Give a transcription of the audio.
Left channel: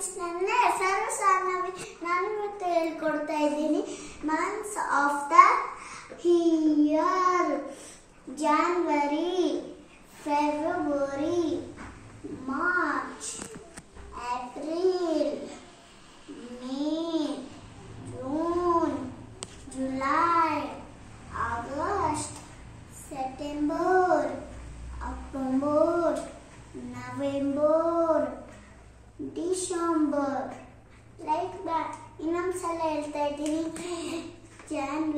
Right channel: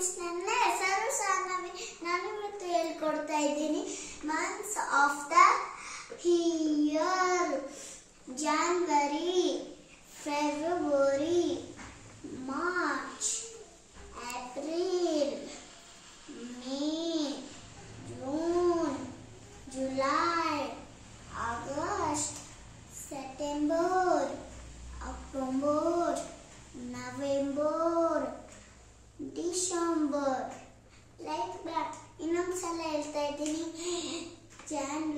Friends, ನನ್ನ ಹೆಸರು ಸಾನವಿ. ನಾನು ಇವತ್ತು ಹೇಳ್ಕೊಡ್ತಾ ಇದ್ದೀನಿ months of the year. January, February, March, April, May, June, July, August, September, October, November, December. Like that. ಇನ್ನೊಂದ್ಸಲ ಹೇಳ್ತಾ ಇದ್ದೀನಿ. ಜಾನ್ವರಿ